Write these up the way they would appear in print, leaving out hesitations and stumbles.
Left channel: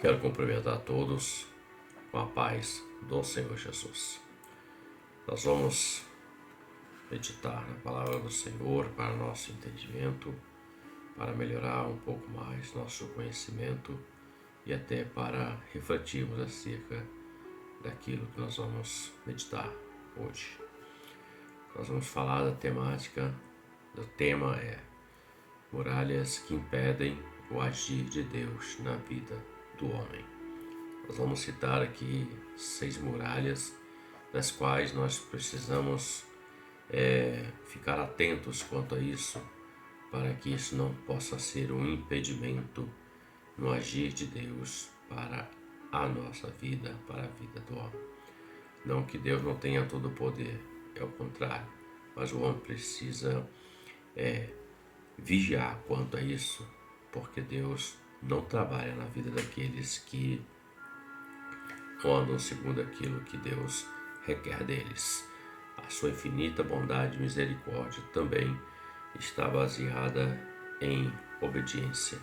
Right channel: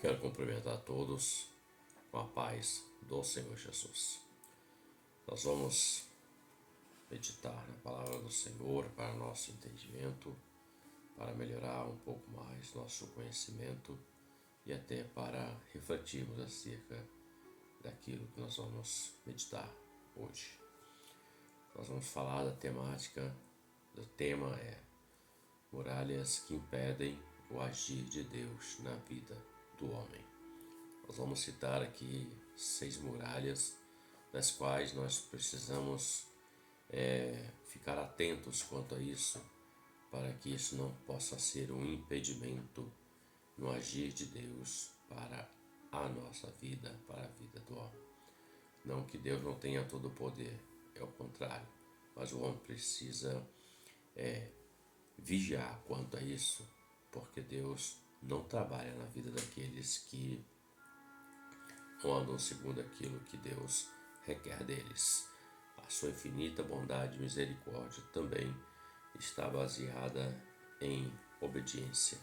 Quero cumprimentar a todos com a paz do Senhor Jesus. Nós vamos meditar na palavra do Senhor para nosso entendimento, para melhorar um pouco mais nosso conhecimento e até para refletirmos acerca daquilo que nós vamos meditar hoje. Nós vamos falar da temática, o tema é muralhas que impedem o agir de Deus na vida do homem. Nós vamos citar aqui 6 muralhas das quais nós precisamos ficar atentos quanto a isso, para que isso não possa ser um impedimento no agir de Deus para a nossa vida, para a vida do homem. Não que Deus não tenha todo o poder, é o contrário, mas o homem precisa vigiar quanto a isso, porque Deus não trabalha na vida daqueles que não andam segundo aquilo que Deus requer deles. A sua infinita bondade e misericórdia também está baseada em obediência.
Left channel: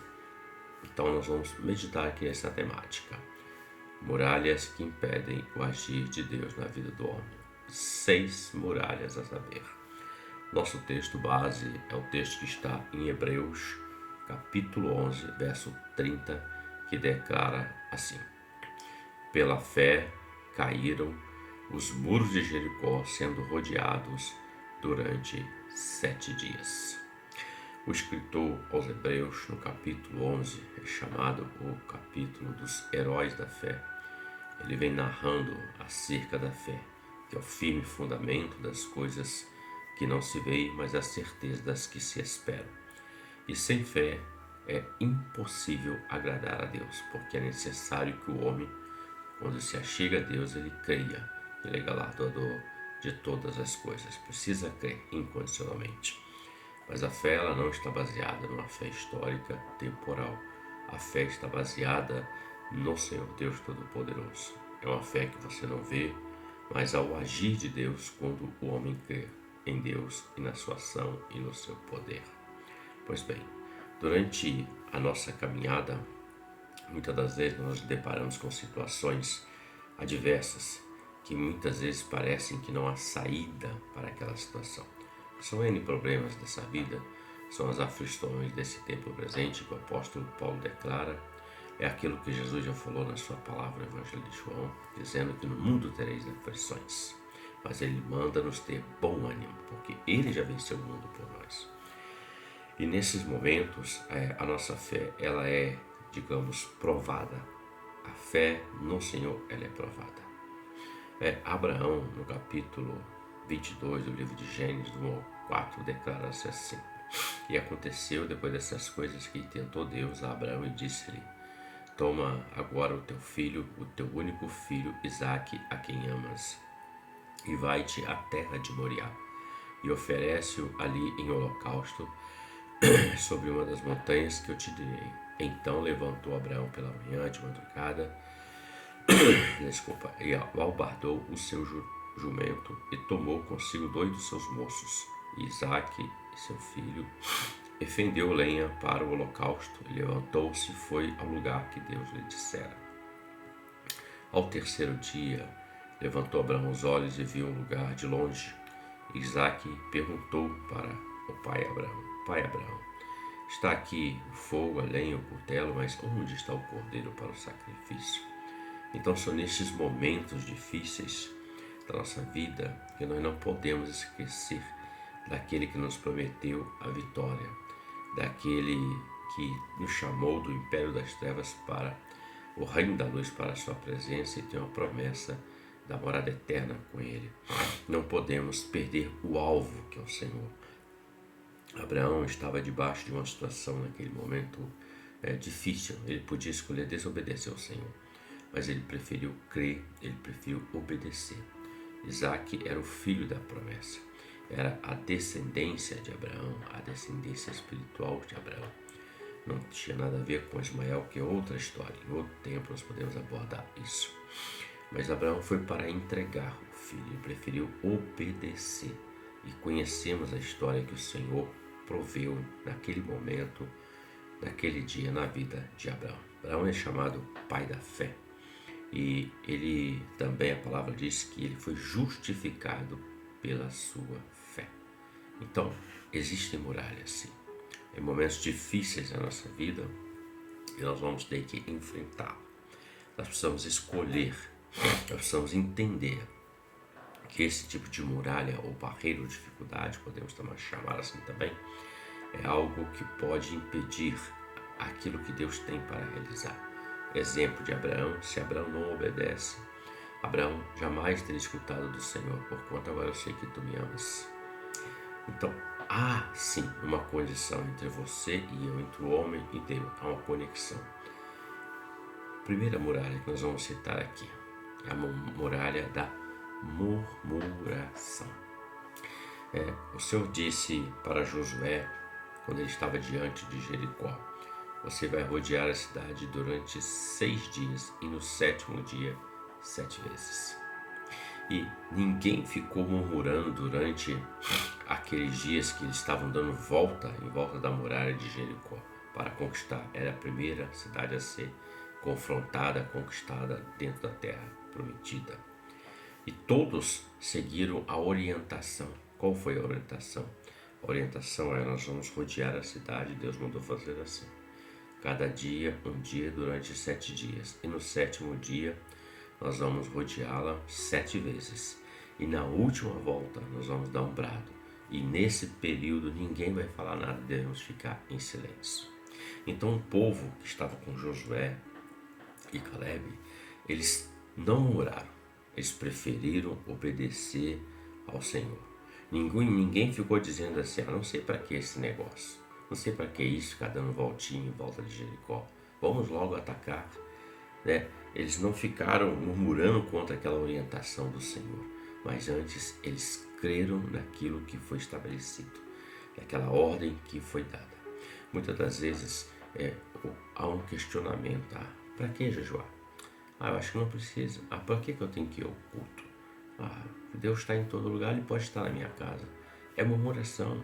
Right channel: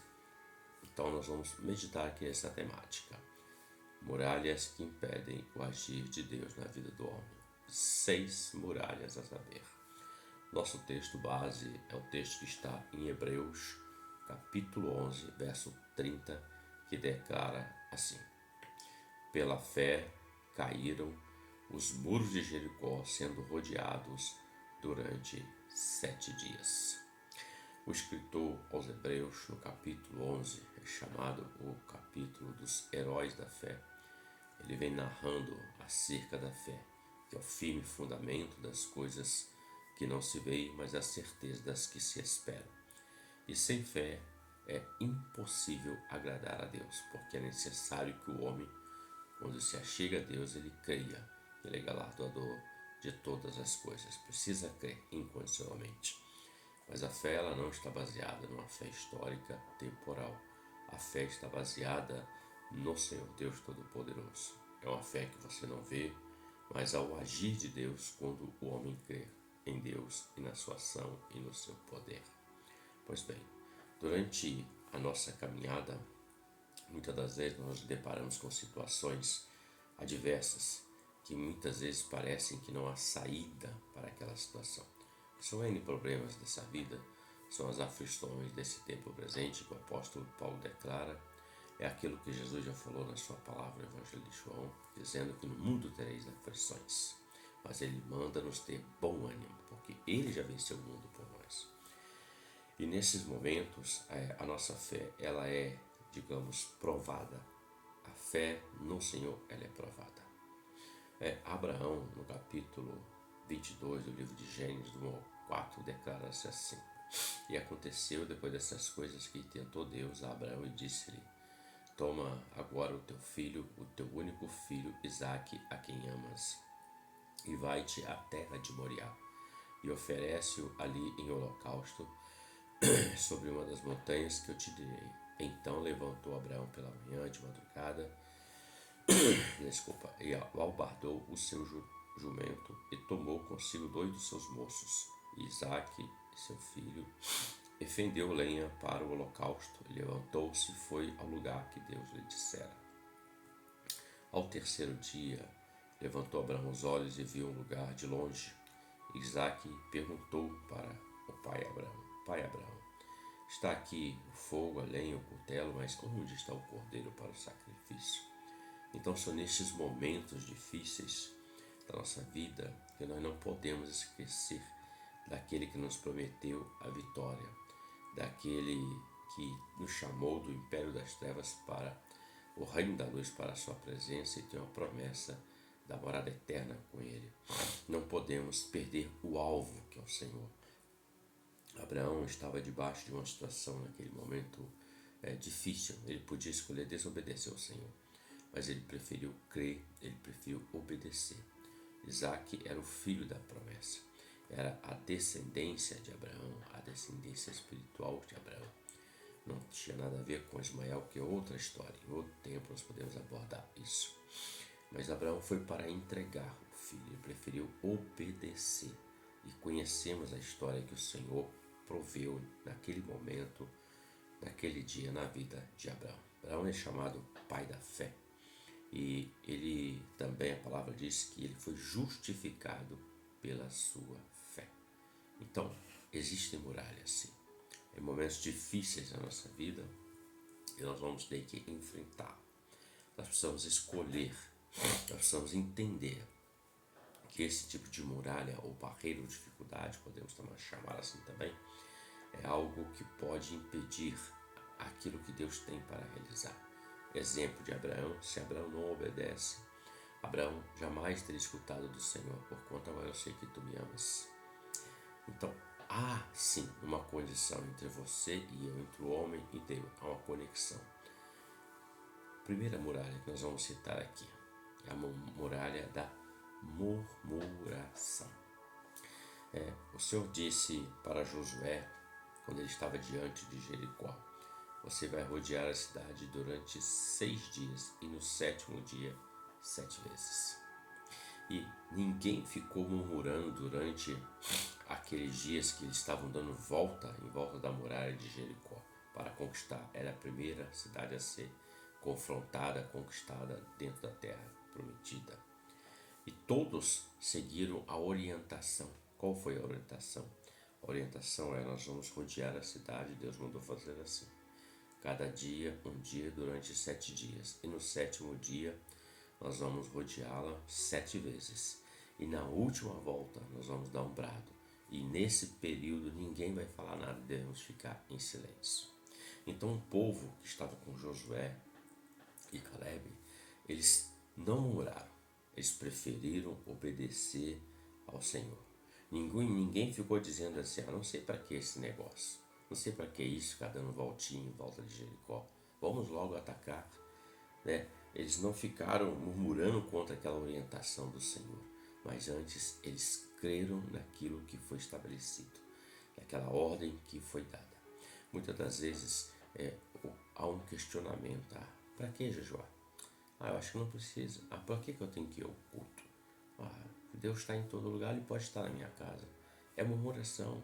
Então nós vamos meditar aqui nessa temática. Muralhas que impedem o agir de Deus na vida do homem. 6 muralhas a saber. Nosso texto base é o texto que está em Hebreus, capítulo 11, verso 30, que declara assim: Pela fé caíram os muros de Jericó, sendo rodeados durante 7 dias. O escritor aos Hebreus, no capítulo 11, é chamado o capítulo dos heróis da fé. Ele vem narrando acerca da fé, que é o firme fundamento das coisas que não se veem, mas a certeza das que se esperam. E sem fé é impossível agradar a Deus, porque é necessário que o homem, quando se achega a Deus, ele creia que ele é galardoador de todas as coisas. Precisa crer incondicionalmente. Mas a fé ela não está baseada numa fé histórica, temporal. A fé está baseada no Senhor Deus Todo-Poderoso. É uma fé que você não vê, mas ao agir de Deus, quando o homem crê em Deus e na sua ação e no seu poder. Pois bem, durante a nossa caminhada, muitas das vezes nós nos deparamos com situações adversas que muitas vezes parecem que não há saída para aquela situação. São N problemas dessa vida, são as aflições desse tempo presente que o apóstolo Paulo declara. É aquilo que Jesus já falou na sua palavra no Evangelho de João, dizendo que no mundo tereis aflições, mas ele manda nos ter bom ânimo, porque ele já venceu o mundo por nós. E nesses momentos, a nossa fé, ela é, digamos, provada. A fé no Senhor, ela é provada. Abraão, no capítulo 22 do livro de Gênesis, do 1 ao 4, declara-se assim: E aconteceu depois dessas coisas que tentou Deus a Abraão e disse-lhe: Toma agora o teu filho, o teu único filho, Isaque, a quem amas, e vai-te à terra de Moriá, e oferece-o ali em holocausto sobre uma das montanhas que eu te direi. Então levantou Abraão pela manhã de madrugada, e albardou o seu jumento, e tomou consigo 2 dos seus moços, Isaque e seu filho, e fendeu lenha para o holocausto, e levantou-se e foi ao lugar que Deus lhe dissera. Ao terceiro dia, levantou Abraão os olhos e viu um lugar de longe. Isaque perguntou para o pai Abraão: Pai Abraão, está aqui o fogo, a lenha, o cutelo, mas onde está o cordeiro para o sacrifício? Então são nestes momentos difíceis da nossa vida que nós não podemos esquecer daquele que nos prometeu a vitória, daquele que nos chamou do império das trevas para o reino da luz, para a sua presença, e tem uma promessa da morada eterna com ele. Não podemos perder o alvo, que é o Senhor. Abraão estava debaixo de uma situação naquele momento difícil. Ele podia escolher desobedecer ao Senhor, mas ele preferiu crer, ele preferiu obedecer. Isaque era o filho da promessa, era a descendência de Abraão, a descendência espiritual de Abraão. Não tinha nada a ver com Ismael, que é outra história. Em outro tempo nós podemos abordar isso. Mas Abraão foi para entregar o filho, ele preferiu obedecer. E conhecemos a história que o Senhor proveu naquele momento naquele dia na vida de Abraão. Abraão é chamado pai da fé. E ele também, a palavra diz que ele foi justificado pela sua fé. Então, existem muralhas, sim. Em momentos difíceis da nossa vida, e nós vamos ter que enfrentar. Nós precisamos escolher, nós precisamos entender que esse tipo de muralha ou barreira ou dificuldade, podemos também chamar assim também, é algo que pode impedir aquilo que Deus tem para realizar. Exemplo de Abraão: se Abraão não obedece, Abraão jamais teria escutado do Senhor, porquanto agora eu sei que tu me amas. Então, há sim uma condição entre você e eu, entre o homem e Deus, há uma conexão. Primeira muralha que nós vamos citar aqui é a muralha da murmuração. O Senhor disse para Josué, quando ele estava diante de Jericó: você vai rodear a cidade durante 6 dias e no 7º dia 7 vezes. E ninguém ficou murmurando durante aqueles dias que eles estavam dando volta em volta da muralha de Jericó para conquistar. Era a primeira cidade a ser confrontada, conquistada dentro da terra prometida. E todos seguiram a orientação. Qual foi a orientação? A orientação é: nós vamos rodear a cidade. Deus mandou fazer assim. Cada dia, um dia durante 7 dias. E no 7º dia, nós vamos rodeá-la 7 vezes. E na última volta, nós vamos dar um brado. E nesse período, ninguém vai falar nada, devemos ficar em silêncio. Então, o povo que estava com Josué e Caleb, eles não murmuraram. Eles preferiram obedecer ao Senhor. Ninguém ficou dizendo assim: não sei para que esse negócio. Não sei para que isso, ficar dando voltinha em volta de Jericó. Vamos logo atacar. Eles não ficaram murmurando contra aquela orientação do Senhor, mas antes eles creram naquilo que foi estabelecido, naquela ordem que foi dada. Muitas das vezes há um questionamento: para que jejuar? Eu acho que não precisa. Para que eu tenho que ir ao culto? Deus está em todo lugar, Ele pode estar na minha casa. É murmuração.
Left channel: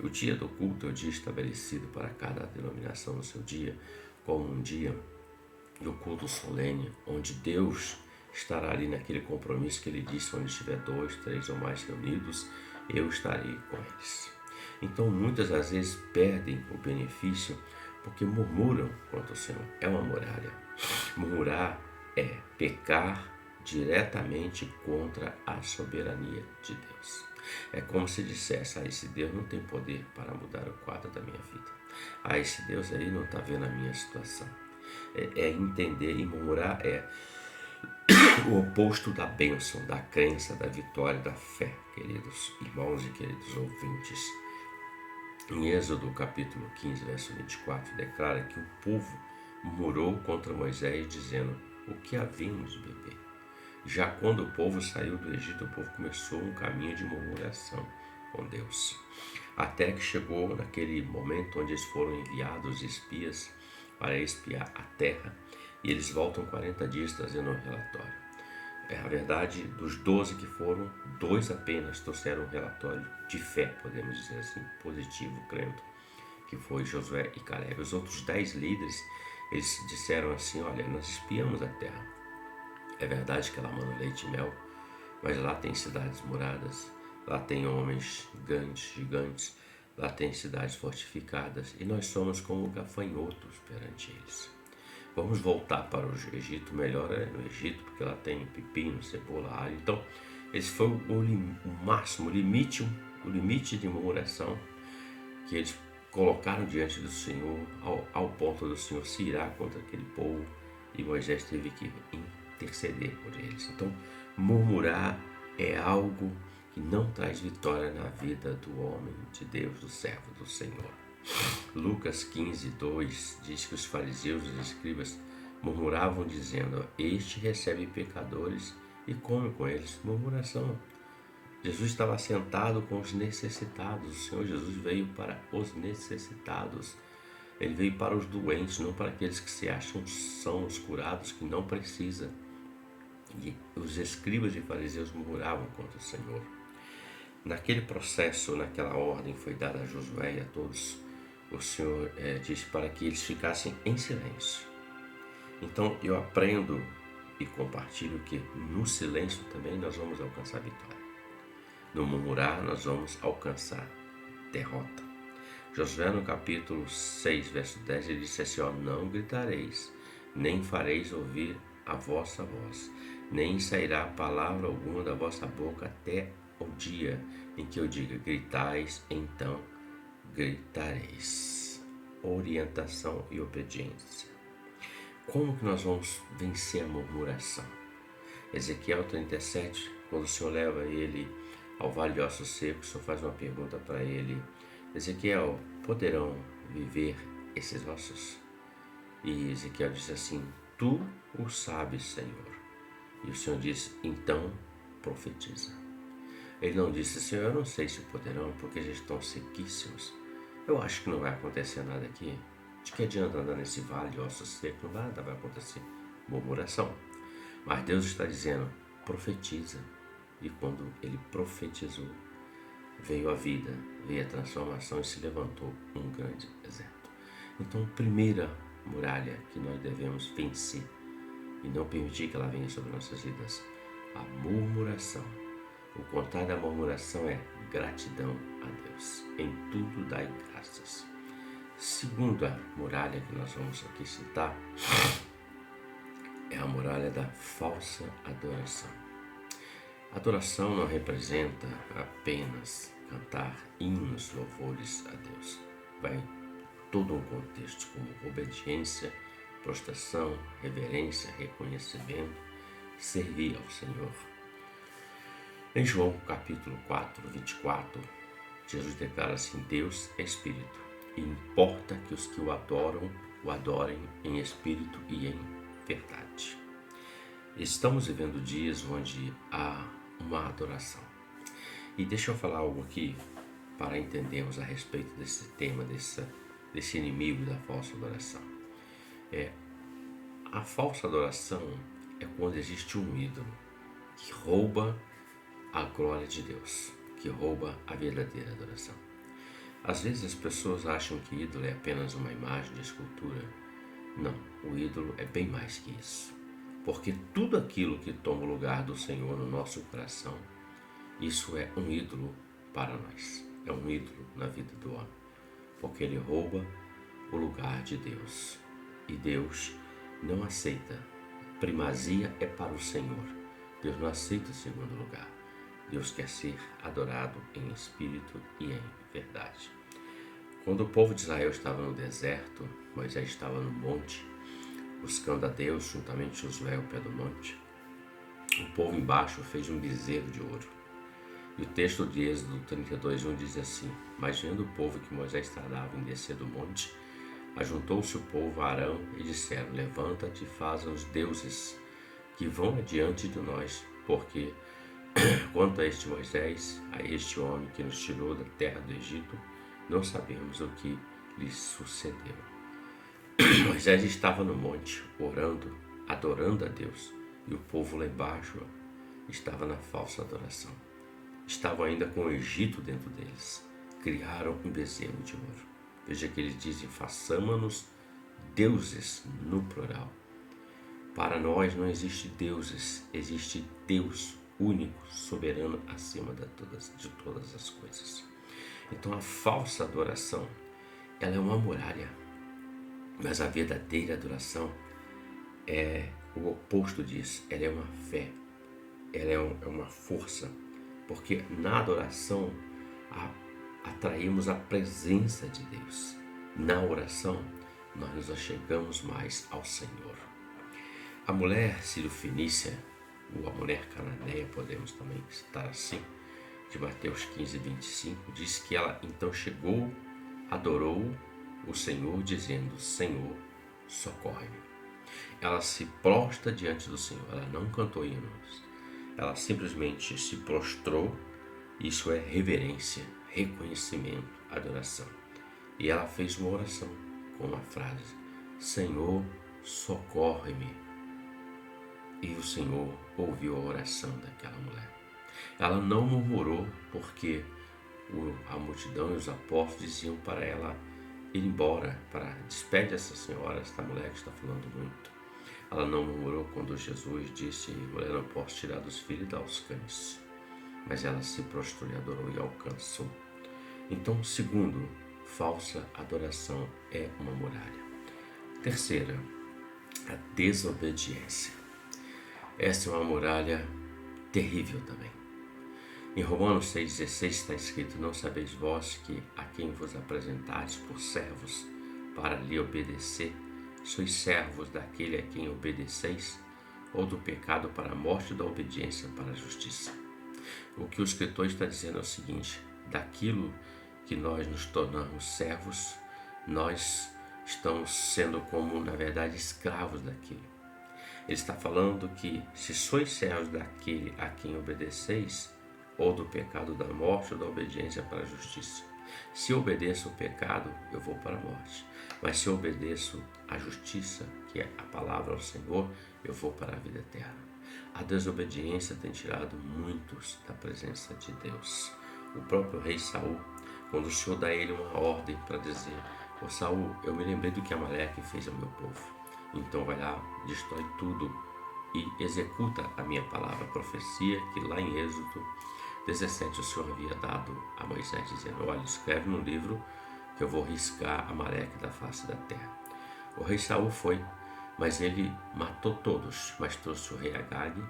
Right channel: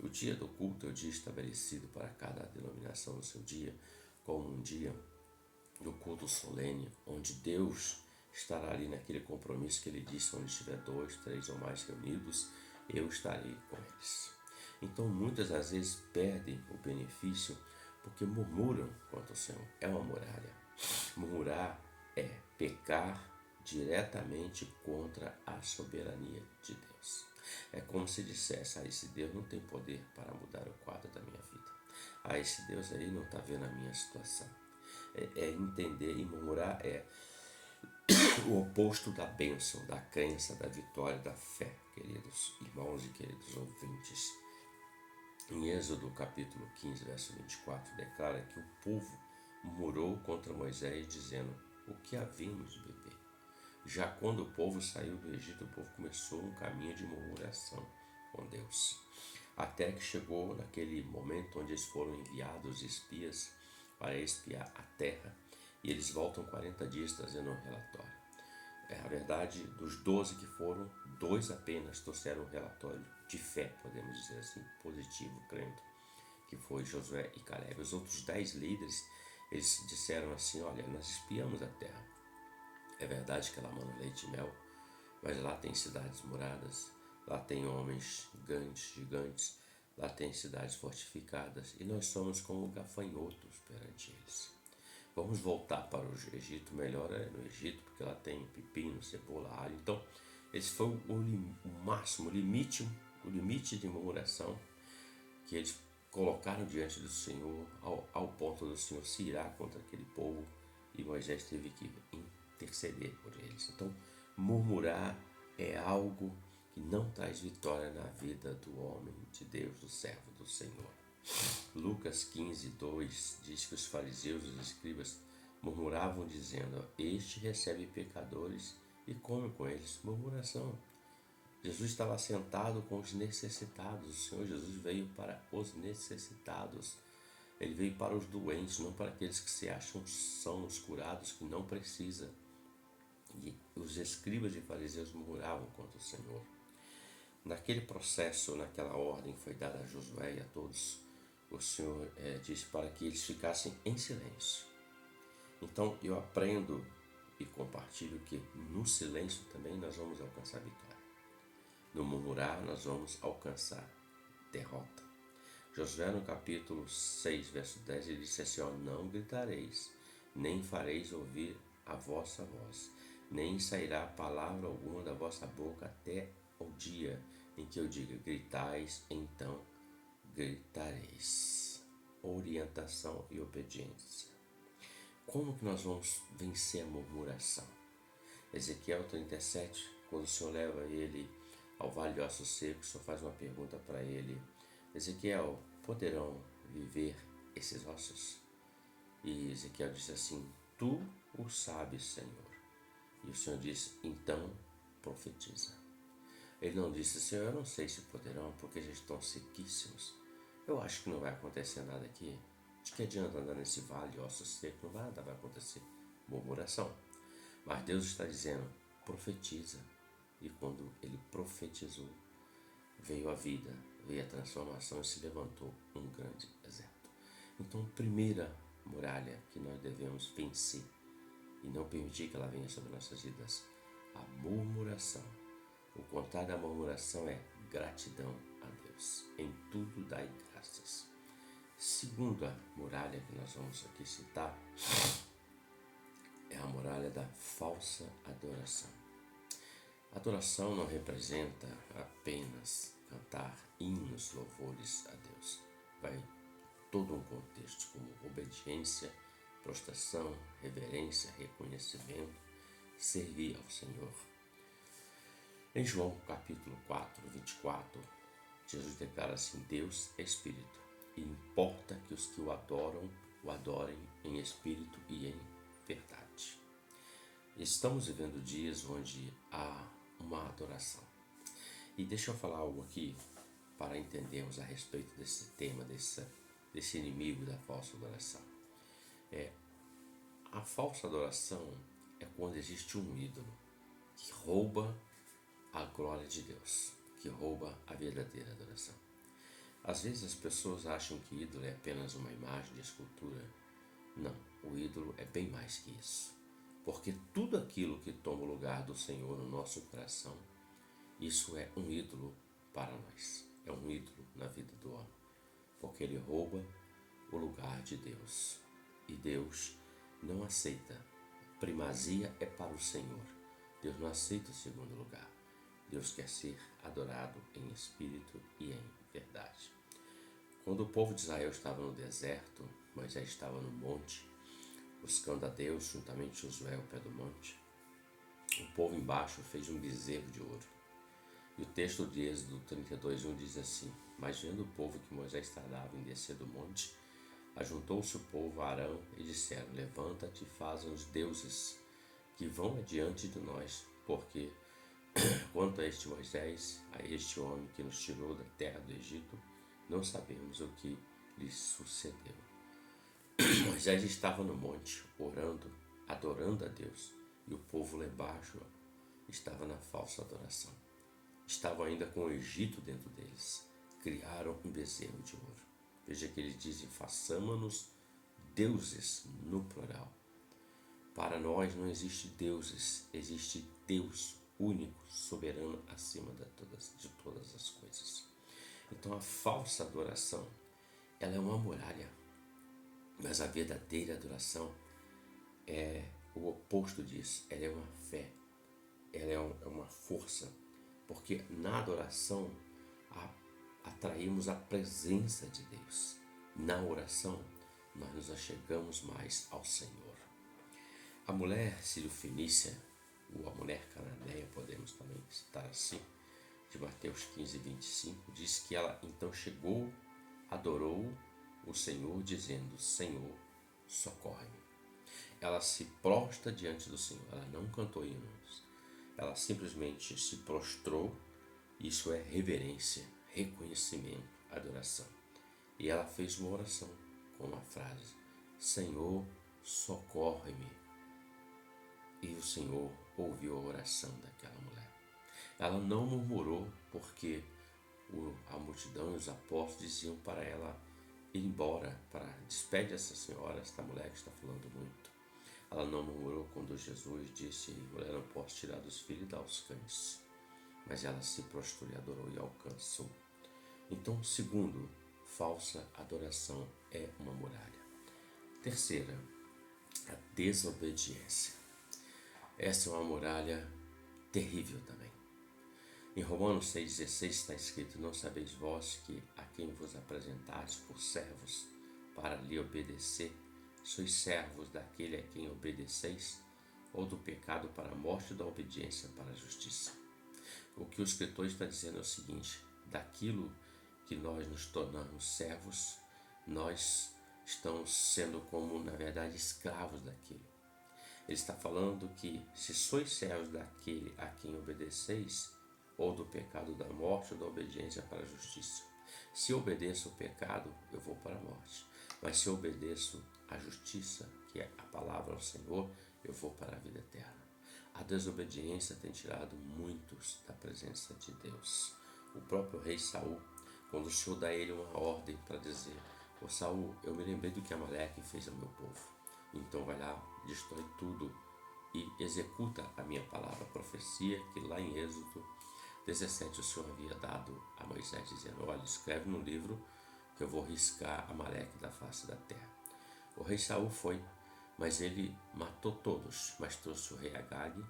O dia do culto é o dia estabelecido para cada denominação no seu dia, como um dia do culto solene, onde Deus estará ali naquele compromisso que Ele disse: onde estiver 2, 3 ou mais reunidos, eu estarei com eles. Então, muitas das vezes perdem o benefício porque murmuram contra o Senhor. É uma muralha. Murmurar é pecar diretamente contra a soberania de Deus. É como se dissesse: esse Deus não tem poder para mudar o quadro da minha vida. Esse Deus aí não está vendo a minha situação. É entender, e murmurar é o oposto da bênção, da crença, da vitória, da fé, queridos irmãos e queridos ouvintes. Em Êxodo capítulo 15, verso 24, declara que o povo murmurou contra Moisés, dizendo: o que havíamos de beber? Já quando o povo saiu do Egito, o povo começou um caminho de murmuração com Deus, até que chegou naquele momento onde eles foram enviados espias para espiar a terra, e eles voltam 40 dias trazendo um relatório. A verdade, dos 12 que foram, 2 apenas trouxeram um relatório de fé, podemos dizer assim, positivo, crendo, que foi Josué e Caleb. Os outros 10 líderes, eles disseram assim: olha, nós espiamos a terra. É verdade que ela manda leite e mel, mas lá tem cidades muradas, lá tem homens gigantes, lá tem cidades fortificadas, e nós somos como gafanhotos perante eles. Vamos voltar para o Egito, melhor é no Egito, porque lá tem pepino, cebola, alho. Então, esse foi o máximo, o limite de murmuração que eles colocaram diante do Senhor, ao ponto do Senhor se irar contra aquele povo, e Moisés teve que interceder por eles. Então, murmurar é algo que não traz vitória na vida do homem de Deus, do servo do Senhor. Lucas 15, 2 diz que os fariseus e os escribas murmuravam, dizendo: este recebe pecadores e come com eles. Murmuração. Jesus estava sentado com os necessitados. O Senhor Jesus veio para os necessitados. Ele veio para os doentes, não para aqueles que se acham são os curados, que não precisa. E os escribas e fariseus murmuravam contra o Senhor. Naquele processo, naquela ordem foi dada a Josué e a todos o Senhor disse para que eles ficassem em silêncio. Então eu aprendo e compartilho que no silêncio também nós vamos alcançar vitória. No murmurar nós vamos alcançar derrota. Josué no capítulo 6, verso 10, ele disse assim, não gritareis, nem fareis ouvir a vossa voz, nem sairá palavra alguma da vossa boca até o dia em que eu diga, gritais, então gritareis. Orientação e obediência. Como que nós vamos vencer a murmuração? Ezequiel 37, quando o Senhor leva ele ao vale de ossos secos, o Senhor faz uma pergunta para ele, Ezequiel, poderão viver esses ossos? E Ezequiel disse assim, tu o sabes, Senhor. E o Senhor disse, então profetiza. Ele não disse, Senhor, eu não sei se poderão, porque já estão sequíssimos. Eu acho que não vai acontecer nada aqui. De que adianta andar nesse vale de ossos secos? Nada vai acontecer. Murmuração. Mas Deus está dizendo, profetiza. E quando ele profetizou, veio a vida, veio a transformação e se levantou um grande exército. Então, primeira muralha que nós devemos vencer e não permitir que ela venha sobre nossas vidas, a murmuração. O contrário da murmuração é gratidão a Deus. Em tudo dai graças. Segunda muralha que nós vamos aqui citar é a muralha da falsa adoração. Adoração não representa apenas cantar hinos, louvores a Deus. Vai todo um contexto como obediência, prostração, reverência, reconhecimento, servir ao Senhor. Em João capítulo 4, 24, Jesus declara assim, Deus é Espírito, e importa que os que o adorem em Espírito e em verdade. Estamos vivendo dias onde há uma adoração. E deixa eu falar algo aqui para entendermos a respeito desse tema, desse inimigo da falsa adoração. A falsa adoração é quando existe um ídolo que rouba a glória de Deus, que rouba a verdadeira adoração. Às vezes as pessoas acham que ídolo é apenas uma imagem de escultura. Não, o ídolo é bem mais que isso. Porque tudo aquilo que toma o lugar do Senhor no nosso coração, isso é um ídolo para nós. É um ídolo na vida do homem. Porque ele rouba o lugar de Deus. E Deus não aceita. Primazia é para o Senhor. Deus não aceita o segundo lugar. Deus quer ser adorado em espírito e em verdade. Quando o povo de Israel estava no deserto, Moisés estava no monte, buscando a Deus juntamente Josué ao pé do monte. O povo embaixo fez um bezerro de ouro. E o texto de Êxodo 32:1 diz assim, mas vendo o povo que Moisés tardava em descer do monte, ajuntou-se o povo a Arão e disseram, levanta-te e faz os deuses que vão adiante de nós, porque quanto a este Moisés, a este homem que nos tirou da terra do Egito, não sabemos o que lhe sucedeu. Moisés estava no monte, orando, adorando a Deus, e o povo lá embaixo estava na falsa adoração. Estavam ainda com o Egito dentro deles. Criaram um bezerro de ouro. Veja que eles dizem, façamos-nos deuses no plural. Para nós não existe deuses, existe Deus único, soberano, acima de todas as coisas. Então a falsa adoração, ela é uma muralha, mas a verdadeira adoração é o oposto disso, ela é uma fé, ela é uma força, porque na adoração atraímos a presença de Deus. Na oração, nós nos achegamos mais ao Senhor. A mulher sírio-fenícia, ou a mulher cananeia, podemos também citar assim, de Mateus 15:25, diz que ela então chegou, adorou o Senhor, dizendo, Senhor, socorre-me. Ela se prostra diante do Senhor, ela não cantou hinos, ela simplesmente se prostrou, isso é reverência, reconhecimento, adoração. E ela fez uma oração com a frase, Senhor, socorre-me. E o Senhor ouviu a oração daquela mulher. Ela não murmurou porque a multidão e os apóstolos diziam para ela ir embora, despede essa senhora, esta mulher que está falando muito. Ela não murmurou quando Jesus disse: mulher, não posso tirar dos filhos e dar aos cães. Mas ela se prostrou e adorou e alcançou. Então, segundo, falsa adoração é uma muralha. Terceira, a desobediência. Essa é uma muralha terrível também. Em Romanos 6,16 está escrito: não sabeis vós que a quem vos apresentais por servos para lhe obedecer, sois servos daquele a quem obedeceis, ou do pecado para a morte, da obediência para a justiça. O que o escritor está dizendo é o seguinte: daquilo que nós nos tornamos servos, nós estamos sendo como, na verdade, escravos daquilo. Ele está falando que se sois servos daquele a quem obedeceis, ou do pecado da morte, ou da obediência para a justiça. Se eu obedeço o pecado, eu vou para a morte. Mas se eu obedeço a justiça, que é a palavra ao Senhor, eu vou para a vida eterna. A desobediência tem tirado muitos da presença de Deus. O próprio rei Saul, quando o Senhor dá a ele uma ordem para dizer: ô Saul, eu me lembrei do que Amaleque fez ao meu povo. Então vai lá, destrói tudo e executa a minha palavra, a profecia que lá em Êxodo 17 o Senhor havia dado a Moisés, dizendo: olha, escreve no livro que eu vou riscar Amaleque da face da terra. O rei Saul foi, mas ele matou todos, mas trouxe o rei Agag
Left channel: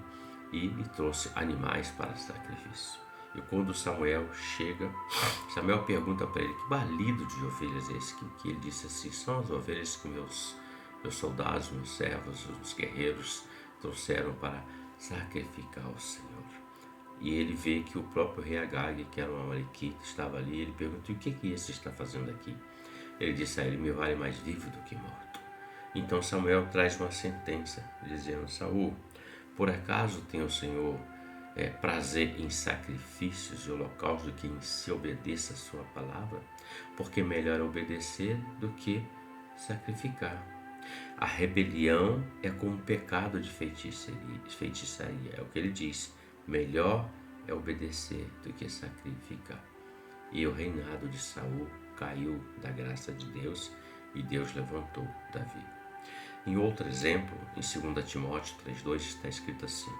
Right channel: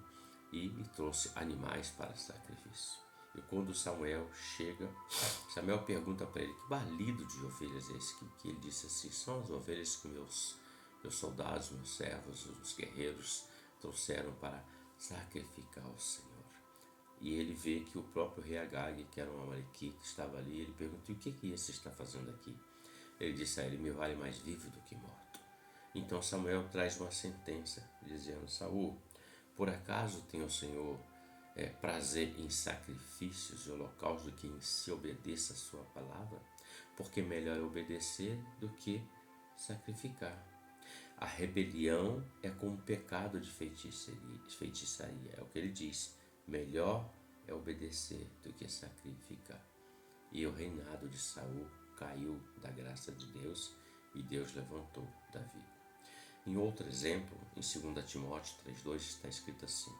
e lhe trouxe animais para sacrifício. E quando Samuel chega, Samuel pergunta para ele: que balido de ovelhas é esse? Que ele disse assim: são as ovelhas que meus soldados, meus servos, os guerreiros trouxeram para sacrificar ao Senhor. E ele vê que o próprio rei Agag, que era um amalequita, estava ali. Ele pergunta: o que esse está fazendo aqui? Ele disse a ele: me vale mais vivo do que morto. Então Samuel traz uma sentença, dizendo: Saul, por acaso tem o Senhor prazer em sacrifícios e holocaustos do que em se obedeça a sua palavra? Porque melhor é obedecer do que sacrificar. A rebelião é como pecado de feitiçaria. É o que ele diz: melhor é obedecer do que sacrificar. E o reinado de Saul caiu da graça de Deus e Deus levantou Davi. Em outro exemplo, em 2 Timóteo 3,2 está escrito assim:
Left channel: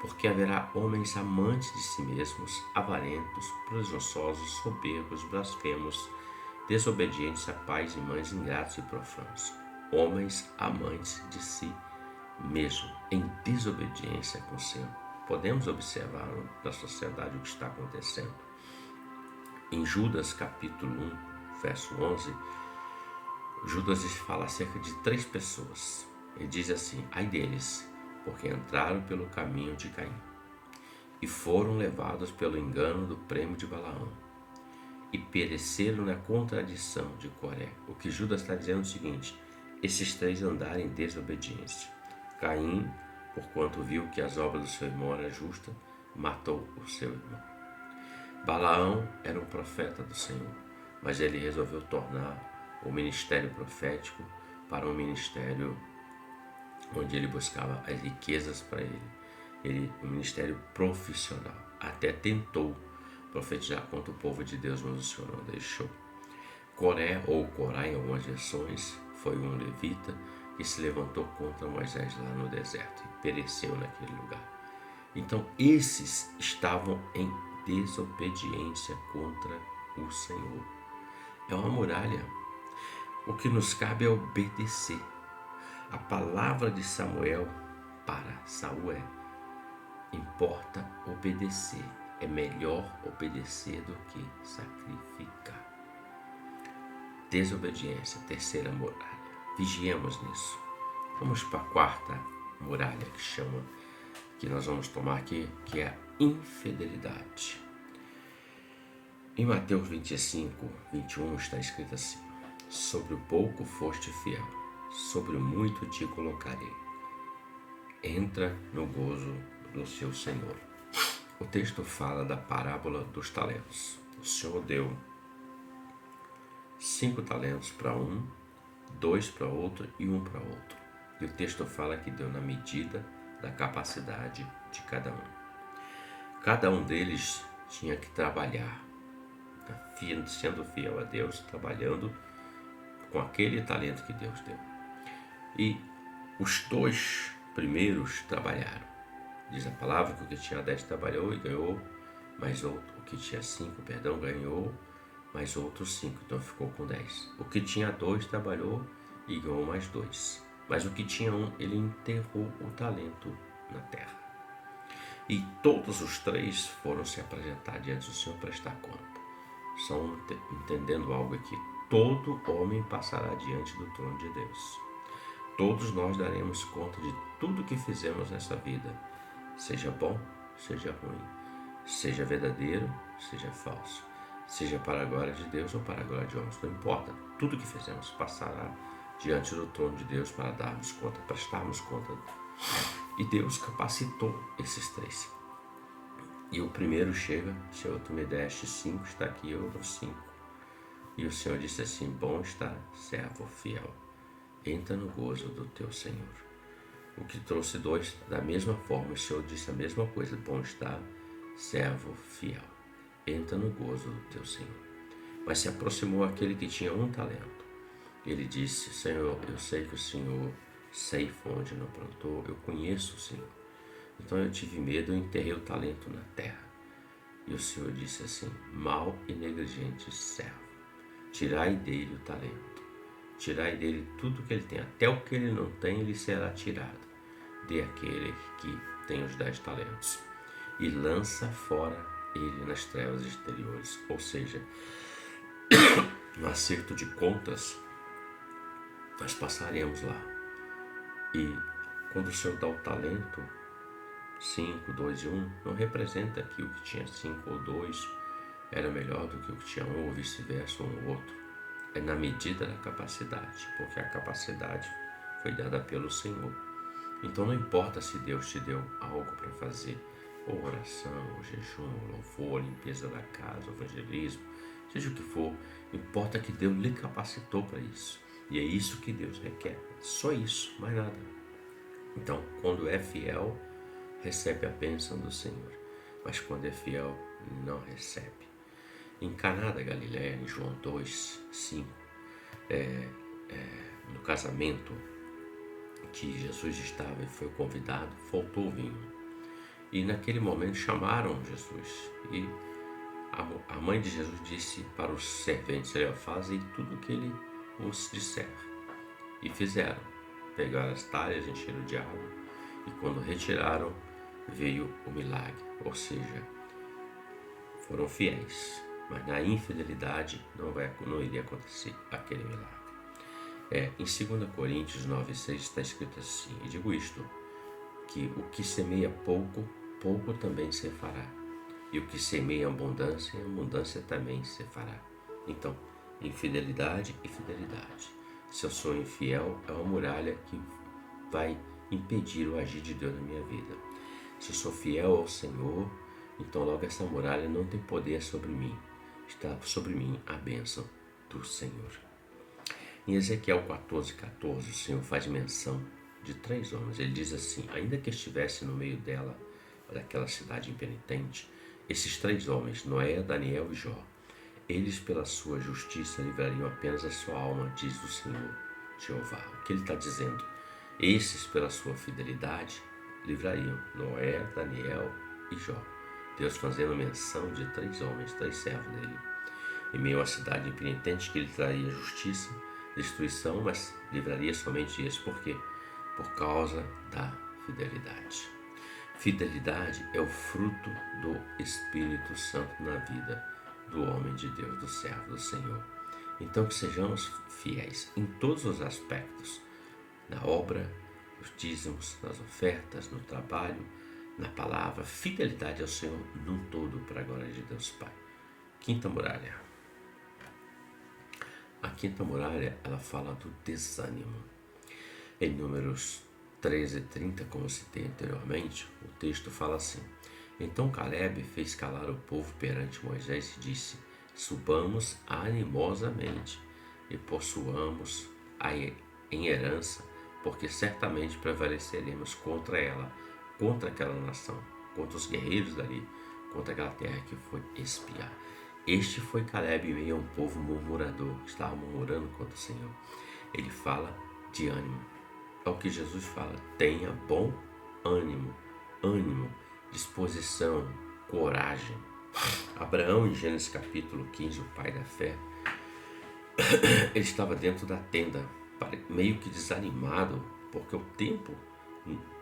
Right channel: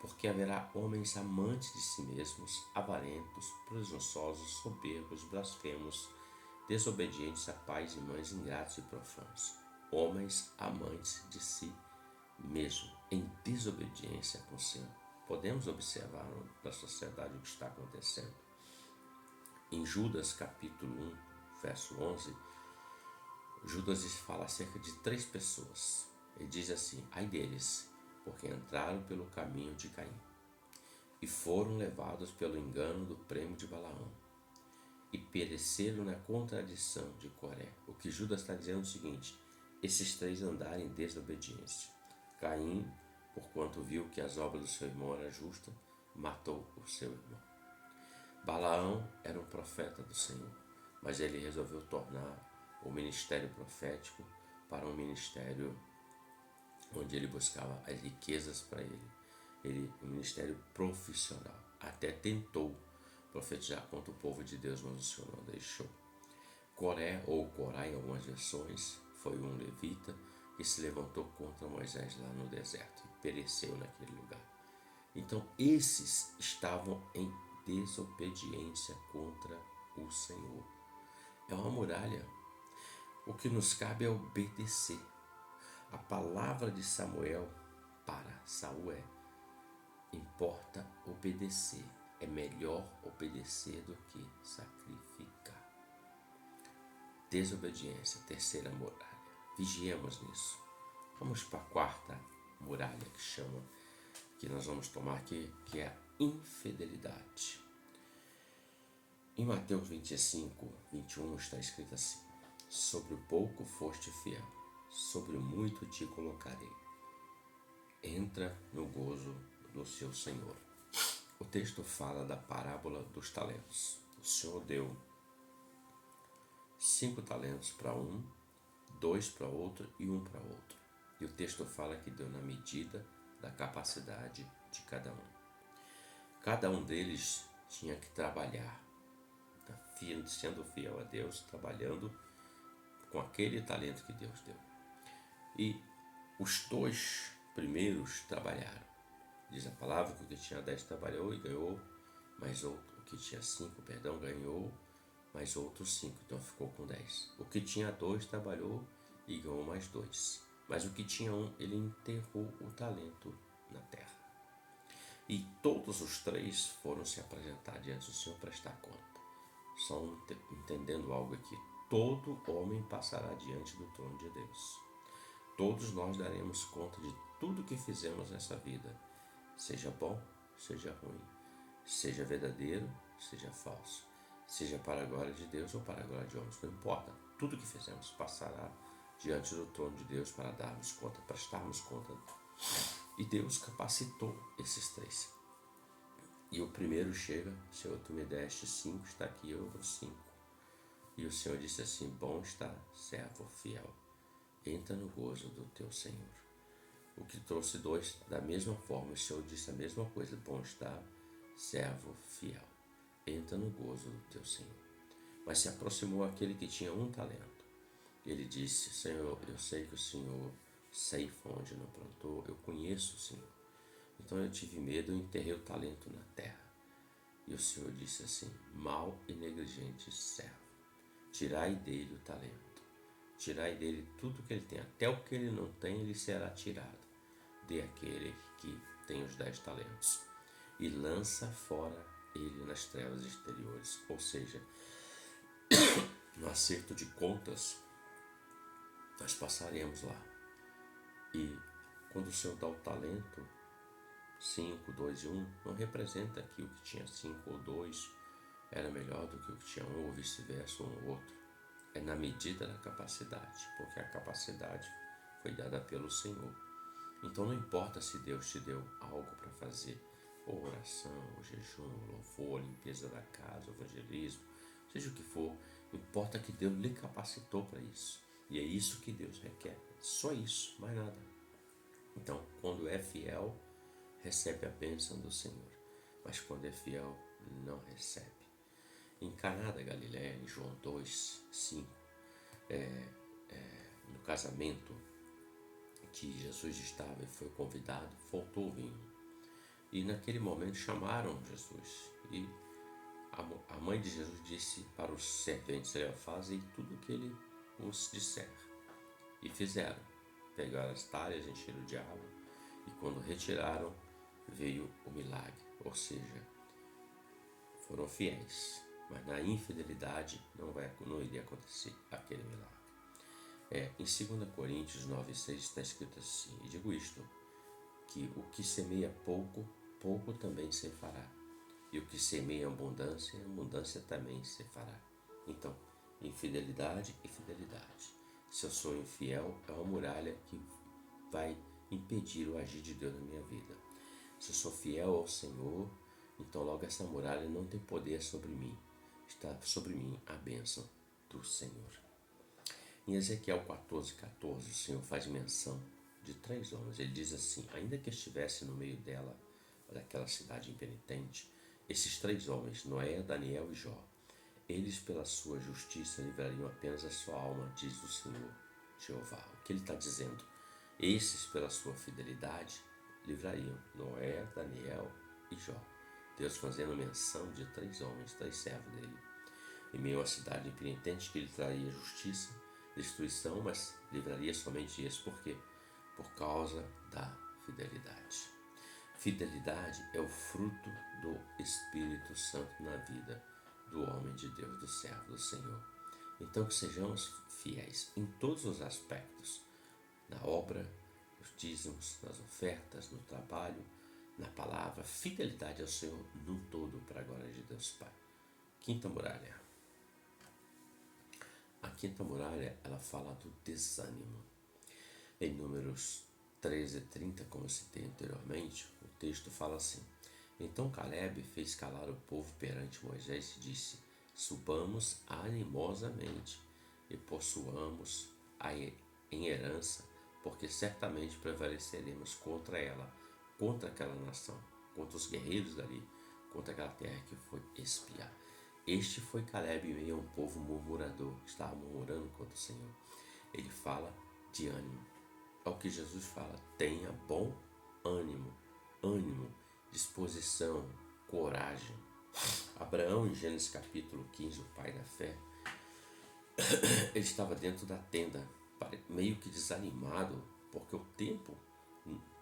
porque haverá homens amantes de si mesmos, avarentos, presunçosos, soberbos, blasfemos, desobedientes a pais e mães, ingratos e profanos. Homens amantes de si mesmo, em desobediência com o Senhor. Podemos observar na sociedade o que está acontecendo. Em Judas capítulo 1, verso 11, Judas fala acerca de 3 pessoas. Ele diz assim: ai deles, porque entraram pelo caminho de Caim e foram levados pelo engano do prêmio de Balaão e pereceram na contradição de Coré. O que Judas está dizendo é o seguinte: esses 3 andaram em desobediência. Caim, porquanto viu que as obras do seu irmão eram justas, matou o seu irmão. Balaão era um profeta do Senhor, mas ele resolveu tornar o ministério profético para um ministério onde ele buscava as riquezas para ele, um ministério profissional. Até tentou profetizar contra o povo de Deus, mas o Senhor não deixou. Coré, ou Corá em algumas versões, foi um levita que se levantou contra Moisés lá no deserto e pereceu naquele lugar. Então esses estavam em desobediência contra o Senhor. É uma muralha. O que nos cabe é obedecer. A palavra de Samuel para Saul é: importa obedecer. É melhor obedecer do que sacrificar. Desobediência, terceira muralha. Vigiemos nisso. Vamos para a quarta muralha que nós vamos tomar aqui, que é a infidelidade. Em Mateus 25, 21 está escrito assim: sobre o pouco foste fiel, sobre o muito te colocarei. Entra no gozo do seu Senhor. O texto fala da parábola dos talentos. O Senhor deu 5 talentos para um, 2 para outro e 1 para outro. E o texto fala que deu na medida da capacidade de cada um. Cada um deles tinha que trabalhar, sendo fiel a Deus, trabalhando com aquele talento que Deus deu. E os 2 primeiros trabalharam. Diz a palavra que o que tinha 10 trabalhou e ganhou mais outro. O que tinha 5, ganhou mais outros 5, então ficou com 10. O que tinha 2 trabalhou e ganhou mais 2. Mas o que tinha 1, ele enterrou o talento na terra. E todos os 3 foram se apresentar diante do Senhor para prestar conta. Estão entendendo algo aqui? Todo homem passará diante do trono de Deus. Todos nós daremos conta de tudo que fizemos nessa vida, seja bom, seja ruim, seja verdadeiro, seja falso, seja para a glória de Deus ou para a glória de homens, não importa. Tudo que fizemos passará diante do trono de Deus para darmos conta, prestarmos conta. E Deus capacitou esses 3. E o primeiro chega: Senhor, tu me deste 5, está aqui, eu dou 5. E o Senhor disse assim: bom está, servo fiel, entra no gozo do teu Senhor. O que trouxe 2, da mesma forma, o Senhor disse a mesma coisa: bom está, servo fiel, entra no gozo do teu Senhor. Mas se aproximou aquele que tinha 1 talento. Ele disse: Senhor, eu sei que o Senhor ceifa onde não plantou, eu conheço o Senhor. Então eu tive medo e enterrei o talento na terra. E o Senhor disse assim: mau e negligente servo, tirai dele o talento, tirai dele tudo que ele tem, até o que ele não tem, ele será tirado. Dê àquele que tem os 10 talentos e lança fora ele nas trevas exteriores. Ou seja, no acerto de contas, nós passaremos lá. E quando o Senhor dá o talento, 5, 2 e 1, não representa que o que tinha 5 ou 2 era melhor do que o que tinha 1 ou vice-versa, um ou outro. É na medida da capacidade, porque a capacidade foi dada pelo Senhor. Então não importa se Deus te deu algo para fazer, ou oração, ou jejum, ou louvor, limpeza da casa, evangelismo, seja o que for, importa que Deus lhe capacitou para isso. E é isso que Deus requer, só isso, mais nada. Então, quando é fiel, recebe a bênção do Senhor, mas quando é fiel, não recebe. Em Caná da Galileia, em João 2, 5, no casamento que Jesus estava e foi convidado, faltou vinho. E naquele momento chamaram Jesus. E a mãe de Jesus disse para os serventes: fazem tudo o que ele os disser. E fizeram. Pegaram as talhas, encheram de água, e quando retiraram, veio o milagre. Ou seja, foram fiéis, mas na infidelidade não iria acontecer aquele milagre. Em 2 Coríntios 9,6 está escrito assim: e digo isto, que o que semeia pouco, pouco também se fará, e o que semeia abundância, abundância também se fará. Então, infidelidade e fidelidade. Se eu sou infiel, é uma muralha que vai impedir o agir de Deus na minha vida. Se eu sou fiel ao Senhor, então logo essa muralha não tem poder sobre mim. Está sobre mim a bênção do Senhor. Em Ezequiel 14,14, o Senhor faz menção de 3 homens. Ele diz assim: ainda que estivesse no meio daquela cidade impenitente, esses 3 homens, Noé, Daniel e Jó, eles pela sua justiça livrariam apenas a sua alma, diz o Senhor Jeová. O que ele está dizendo? Esses pela sua fidelidade livrariam Noé, Daniel e Jó. Deus fazendo menção de 3 homens, 3 servos dele. Em meio à cidade impenitente, que ele traria justiça, destruição, mas livraria somente esses. Por quê? Por causa da fidelidade. Fidelidade é o fruto do Espírito Santo na vida do homem de Deus, do servo do Senhor. Então que sejamos fiéis em todos os aspectos, na obra, nos dízimos, nas ofertas, no trabalho, na palavra. Fidelidade ao Senhor num todo, para a glória de Deus Pai. Quinta muralha. A quinta muralha, ela fala do desânimo. Em Números 13:30, como citei anteriormente, o texto fala assim: então Caleb fez calar o povo perante Moisés e disse: subamos animosamente e possuamos em herança, porque certamente prevaleceremos contra ela, contra aquela nação, contra os guerreiros dali, contra aquela terra que foi espiar. Este foi Caleb em meio a um povo murmurador, que estava murmurando contra o Senhor. Ele fala de ânimo. É o que Jesus fala: tenha bom ânimo, ânimo, disposição, coragem. Abraão, em Gênesis capítulo 15, o pai da fé, ele estava dentro da tenda, meio que desanimado, porque o tempo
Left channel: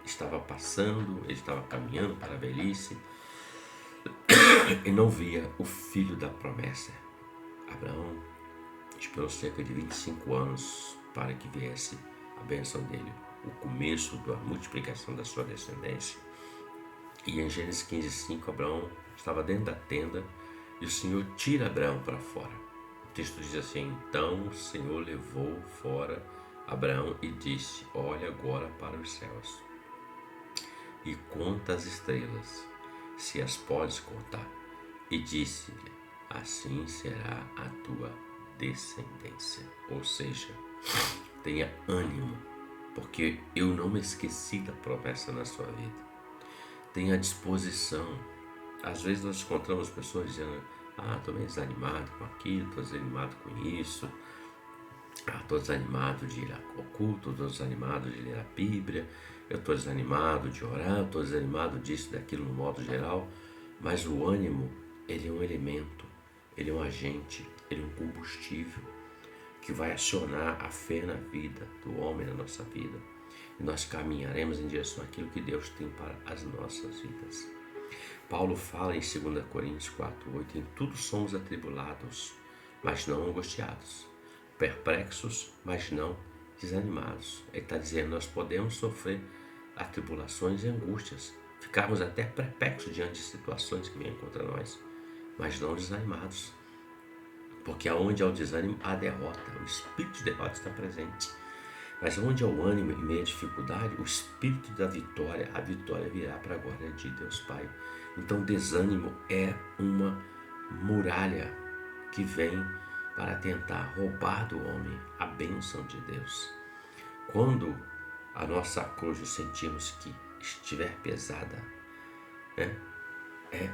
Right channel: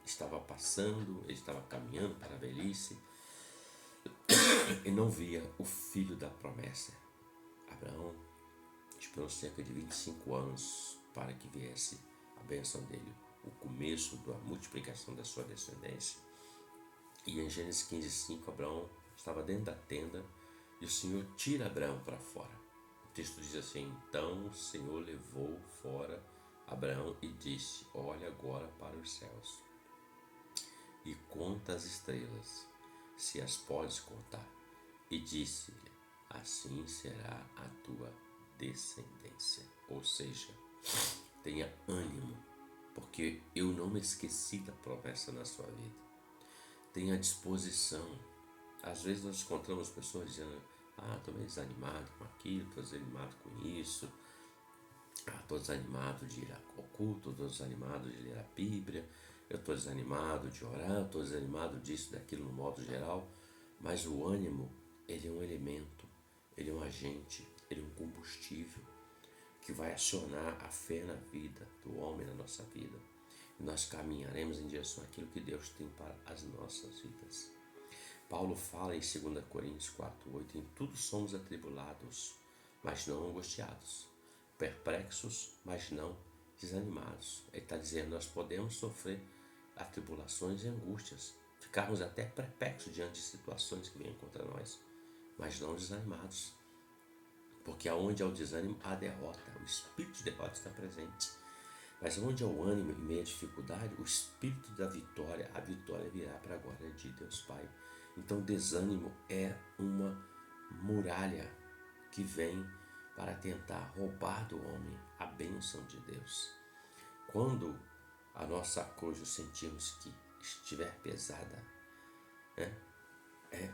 estava passando, ele estava caminhando para a velhice e não via o filho da promessa. Abraão esperou cerca de 25 anos para que viesse a bênção dele, o começo da multiplicação da sua descendência. E em Gênesis 15:5, Abraão estava dentro da tenda e o Senhor tira Abraão para fora. O texto diz assim: então o Senhor levou fora Abraão e disse: olha agora para os céus e conta as estrelas, se as podes contar. E disse-lhe: assim será a tua descendência. Ou seja, tenha ânimo, porque eu não me esqueci da promessa na sua vida. Tenha disposição. Às vezes nós encontramos pessoas dizendo: estou meio desanimado com aquilo, estou desanimado com isso, estou desanimado de ir ao culto, estou desanimado de ler a Bíblia, eu estou desanimado de orar, estou desanimado disso, daquilo no modo geral. Mas o ânimo, ele é um elemento, ele é um agente, ele é um combustível que vai acionar a fé na vida do homem, na nossa vida. E nós caminharemos em direção àquilo que Deus tem para as nossas vidas. Paulo fala em 2 Coríntios 4:8: em tudo somos atribulados, mas não angustiados, perplexos, mas não desanimados. Ele está dizendo: nós podemos sofrer atribulações e angústias, ficarmos até perplexos diante de situações que vêm contra nós, mas não desanimados, porque aonde há o desânimo, há derrota, o espírito de derrota está presente. Mas onde há o ânimo em meio à dificuldade, o espírito da vitória, a vitória virá para a glória de Deus Pai. Então, desânimo é uma muralha que vem para tentar roubar do homem a bênção de Deus. Quando a nossa cruz sentimos que estiver pesada,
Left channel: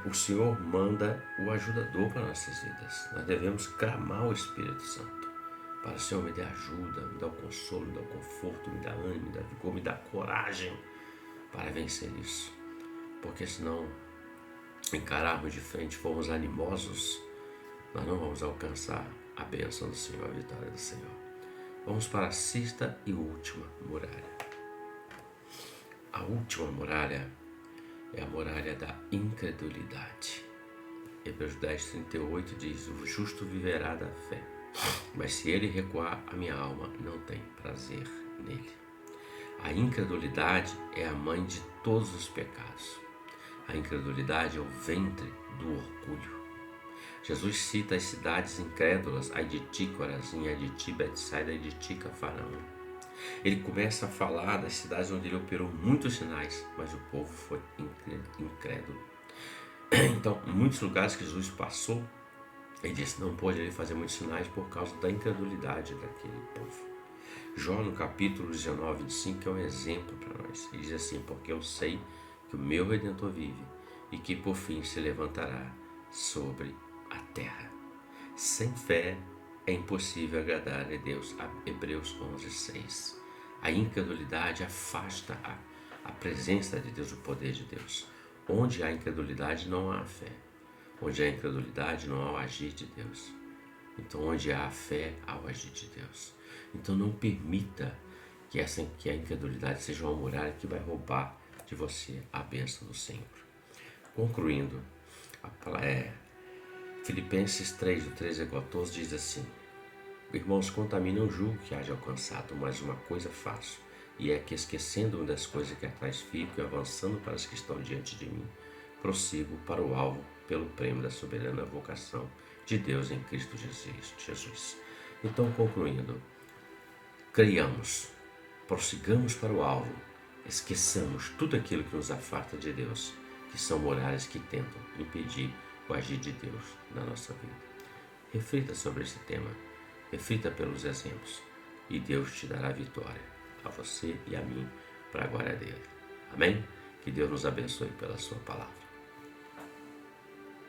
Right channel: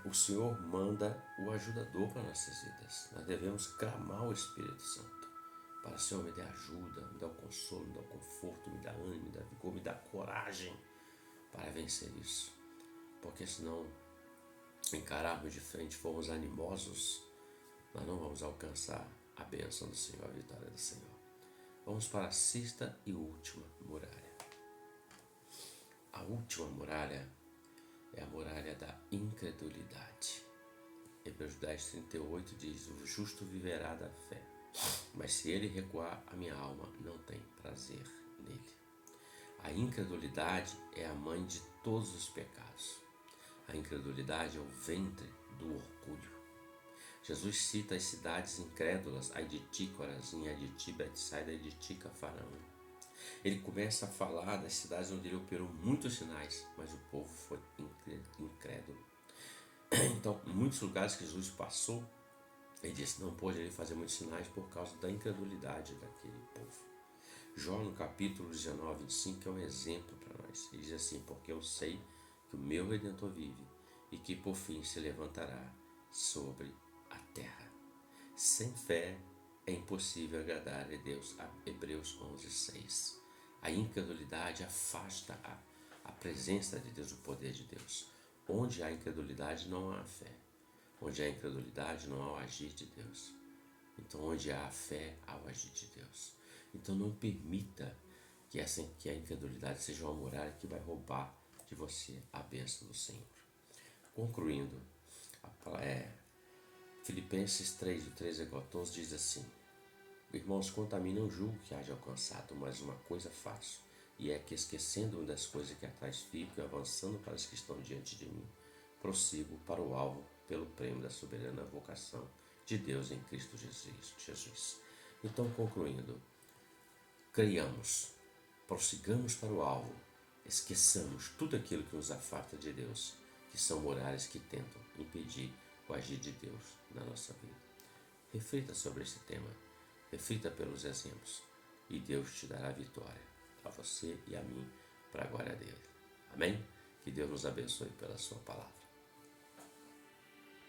o Senhor manda o ajudador para nossas vidas. Nós devemos clamar o Espírito Santo para: o Senhor, me dê ajuda, me dá o consolo, me dá o conforto, me dá ânimo, me dá vigor, me dá coragem para vencer isso. Porque senão, encararmos de frente, formos animosos, nós não vamos alcançar a bênção do Senhor, a vitória do Senhor. Vamos para a sexta e última muralha. A última muralha é a muralha da incredulidade. Hebreus 10:38 diz: o justo viverá da fé, mas se ele recuar, a minha alma não tem prazer nele. A incredulidade é a mãe de todos os pecados. A incredulidade é o ventre do orgulho. Jesus cita as cidades incrédulas: ai de ti, Corazim, ai de ti, Betsaida, ai de ti, Cafarnaum. Ele começa a falar das cidades onde ele operou muitos sinais, mas o povo foi incrédulo. Então, em muitos lugares que Jesus passou, ele disse: não pôde ele fazer muitos sinais por causa da incredulidade daquele povo. João, no capítulo 19:5, é um exemplo para nós. Ele diz assim: porque eu sei que o meu Redentor vive e que por fim se levantará sobre a terra. Sem fé é impossível agradar a Deus. Hebreus 11:6. A incredulidade afasta a presença de Deus, o poder de Deus. Onde há incredulidade, não há fé. Onde há incredulidade, não há o agir de Deus. Então, onde há a fé, há o agir de Deus. Então, não permita que a incredulidade seja uma muralha que vai roubar de você a bênção do Senhor. Concluindo, Filipenses 3:13-14 diz assim: irmãos, quanto a mim, não julgo que haja alcançado, mas uma coisa faço, e é que, esquecendo-me das coisas que atrás fico e avançando para as que estão diante de mim, prossigo para o alvo pelo prêmio da soberana vocação de Deus em Cristo Jesus. Então, concluindo, creiamos, prossigamos para o alvo, esqueçamos tudo aquilo que nos afasta de Deus, que são muralhas que tentam impedir o agir de Deus na nossa vida. Reflita sobre esse tema, reflita pelos exemplos, e Deus te dará vitória, a você e a mim, para a glória dele. Amém? Que Deus nos abençoe pela sua palavra.